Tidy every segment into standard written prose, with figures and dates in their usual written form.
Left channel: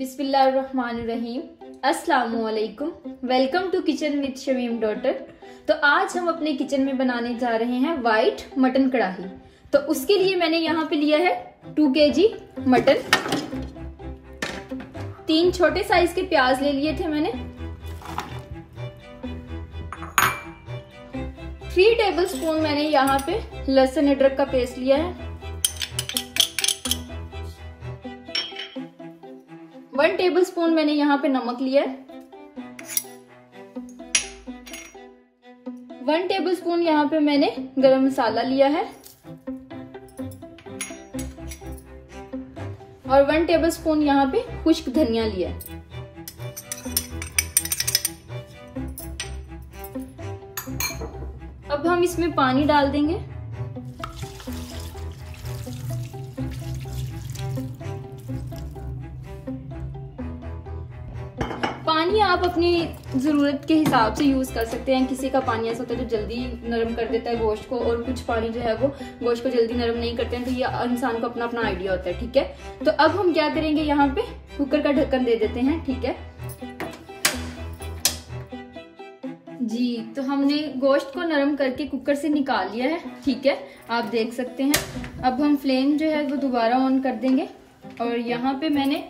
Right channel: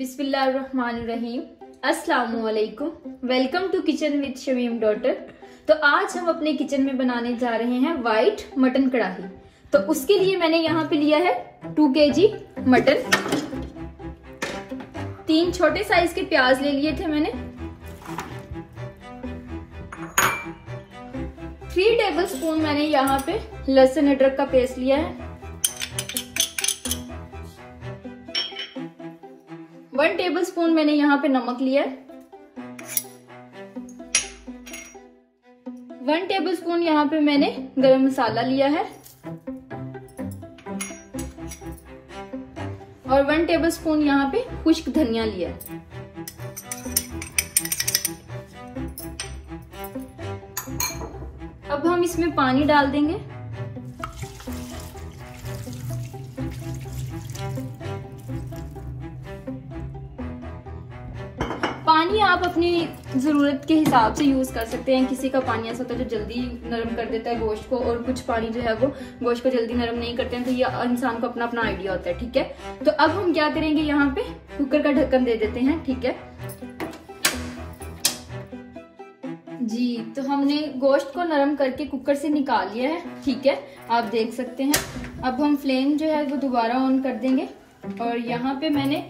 बिस्मिल्लाहिर्रहमानिर्रहीम। अस्सलामुअलैकुम। Welcome to kitchen with Shamim daughter. तो आज हम अपने किचन में बनाने जा रहे हैं वाइट मटन कढ़ाई। तो उसके लिए मैंने यहाँ पे लिया है 2 kg मटन। 3 छोटे साइज के प्याज ले लिए थे मैंने। 3 टेबलस्पून मैंने यहाँ पे लहसुन अदरक का पेस्ट लिया है। 1 टेबलस्पून मैंने यहाँ पे नमक लिया है। 1 टेबलस्पून यहाँ पे मैंने गरम मसाला लिया है और 1 टेबलस्पून यहाँ पे खुश्क धनिया लिया है। अब हम इसमें पानी डाल देंगे। पानी आप अपनी जरूरत के हिसाब से यूज कर सकते हैं। किसी का पानी ऐसा होता है जो जल्दी नरम कर देता है गोश्त को, और कुछ पानी जो है वो गोश्त को जल्दी नरम नहीं करते हैं। तो ये इंसान को अपना अपना आइडिया होता है, ठीक है। तो अब हम क्या करेंगे, यहाँ पे कुकर का ढक्कन दे देते हैं, ठीक है जी। तो हमने गोश्त को नरम करके कुकर से निकाल लिया है, ठीक है, आप देख सकते हैं। अब हम फ्लेम जो है वो दोबारा ऑन कर देंगे और यहाँ पे मैंने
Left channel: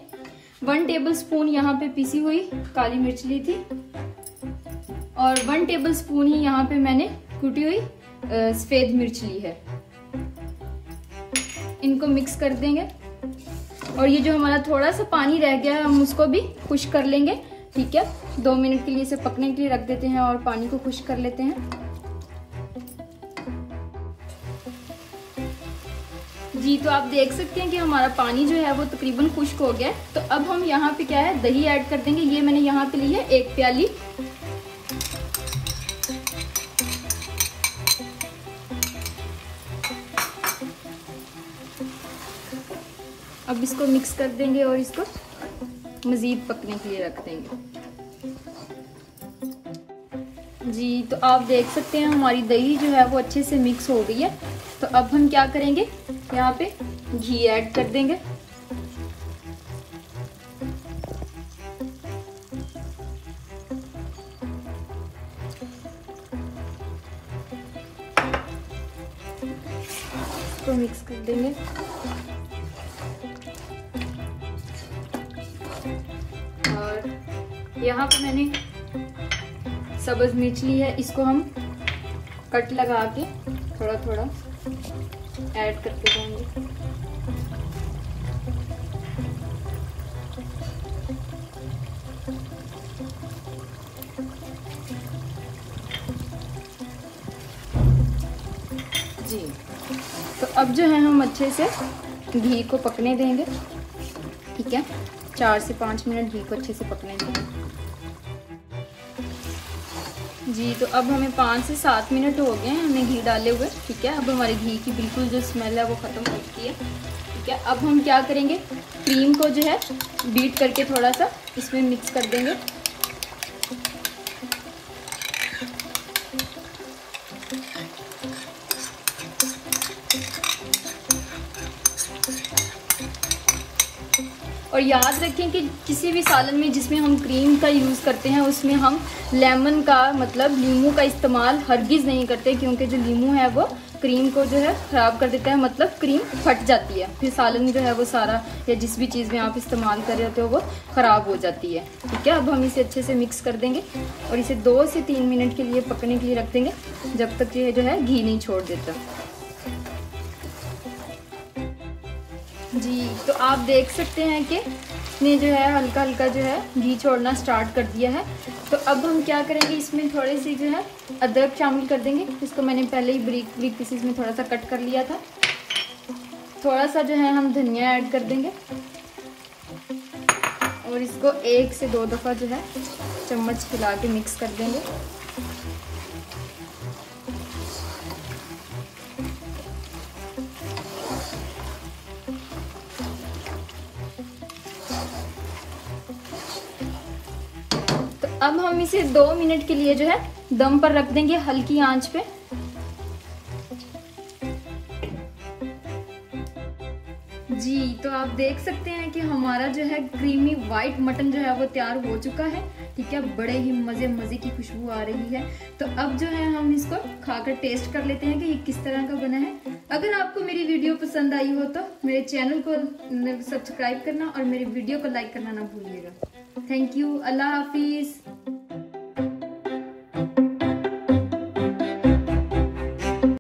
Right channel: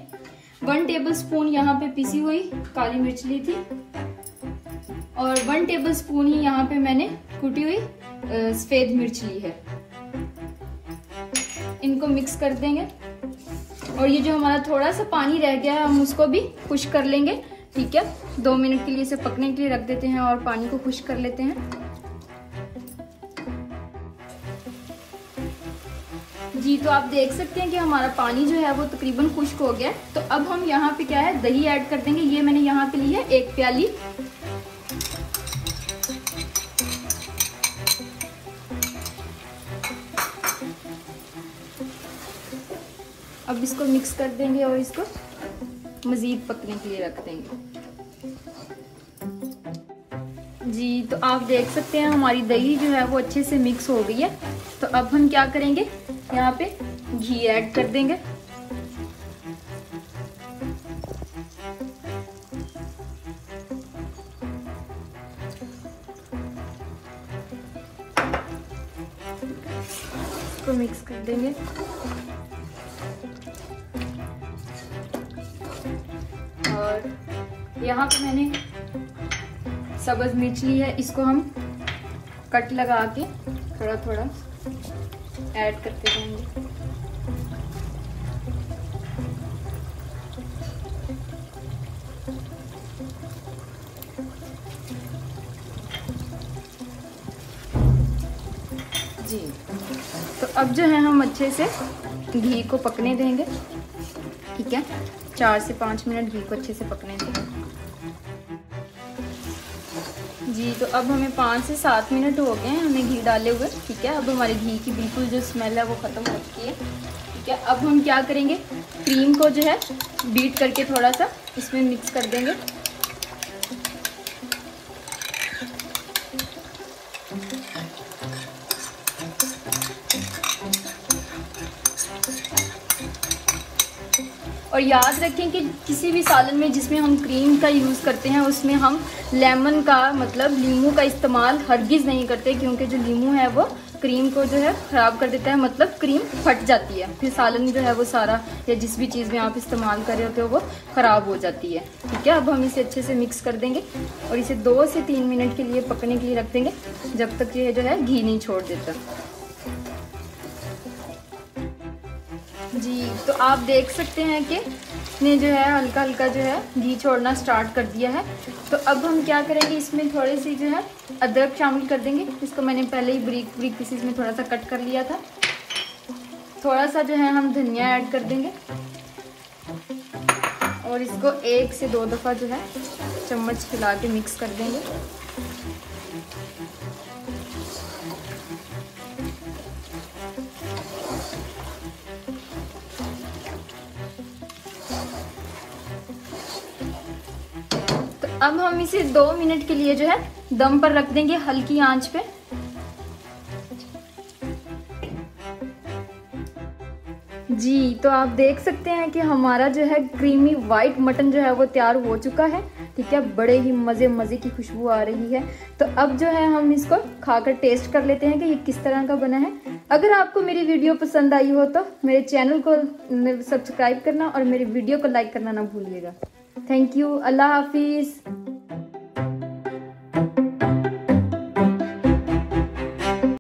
1 टेबलस्पून यहाँ पे पिसी हुई काली मिर्च ली थी और 1 टेबलस्पून ही यहाँ पे मैंने कुटी हुई सफेद मिर्च ली है। इनको मिक्स कर देंगे और ये जो हमारा थोड़ा सा पानी रह गया है हम उसको भी खुश्क कर लेंगे, ठीक है। 2 मिनट के लिए इसे पकने के लिए रख देते हैं और पानी को खुश्क कर लेते हैं जी। तो आप देख सकते हैं कि हमारा पानी जो है वो तकरीबन खुश्क हो गया। तो अब हम यहाँ पे क्या है दही ऐड कर देंगे। ये मैंने यहाँ पे ली है 1 प्याली। अब इसको मिक्स कर देंगे और इसको मजीद पकने के लिए रख देंगे जी। तो आप देख सकते हैं हमारी दही जो है वो अच्छे से मिक्स हो गई है। तो अब हम क्या करेंगे, यहाँ पे घी ऐड कर देंगे। तो मिक्स कर देंगे और यहाँ पे मैंने सब्ज मिर्च ली है, इसको हम कट लगा के थोड़ा थोड़ा ऐड करते जाएंगे। जी तो अब जो है हम अच्छे से घी को पकने देंगे, ठीक है। 4 से 5 मिनट घी को अच्छे से पकने देंगे जी। तो अब हमें 5 से 7 मिनट हो गए हैं हमें घी डाले हुए, ठीक है। अब हमारे घी की बिल्कुल जो स्मेल है वो खत्म हो चुकी है, ठीक है। अब हम क्या करेंगे, क्रीम को जो है बीट करके थोड़ा सा इसमें मिक्स कर देंगे। और याद रखें कि किसी भी सालन में जिसमें हम क्रीम का यूज़ करते हैं उसमें हम लेमन का मतलब नींबू का इस्तेमाल हरगिज़ नहीं करते, क्योंकि जो नींबू है वो क्रीम को जो है ख़राब कर देता है, मतलब क्रीम फट जाती है, फिर सालन जो है वो सारा या जिस भी चीज़ में आप इस्तेमाल कर रहे होते हो वो ख़राब हो जाती है, ठीक है। अब हम इसे अच्छे से मिक्स कर देंगे और इसे 2 से 3 मिनट के लिए पकने के लिए रख देंगे, जब तक ये जो है घी नहीं छोड़ देता जी। तो आप देख सकते हैं कि इसने जो है हल्का हल्का जो है घी छोड़ना स्टार्ट कर दिया है। तो अब हम क्या करेंगे, इसमें थोड़ी सी जो है अदरक शामिल कर देंगे। इसको मैंने पहले ही बारीक पीसेस में थोड़ा सा कट कर लिया था। थोड़ा सा जो है हम धनिया ऐड कर देंगे और इसको 1 से 2 दफ़ा जो है चम्मच हिला के मिक्स कर देंगे। अब हम इसे 2 मिनट के लिए जो है दम पर रख देंगे हल्की आंच पे। जी, तो आप देख सकते हैं कि हमारा जो है क्रीमी व्हाइट मटन जो है वो तैयार हो चुका है। ठीक है, बड़े ही मजे की खुशबू आ रही है। तो अब जो है हम इसको खाकर टेस्ट कर लेते हैं कि ये किस तरह का बना है। अगर आपको मेरी वीडियो पसंद आई हो तो मेरे चैनल को सब्सक्राइब करना और मेरे वीडियो को लाइक करना ना भूलिएगा। Thank you, Allah Hafiz.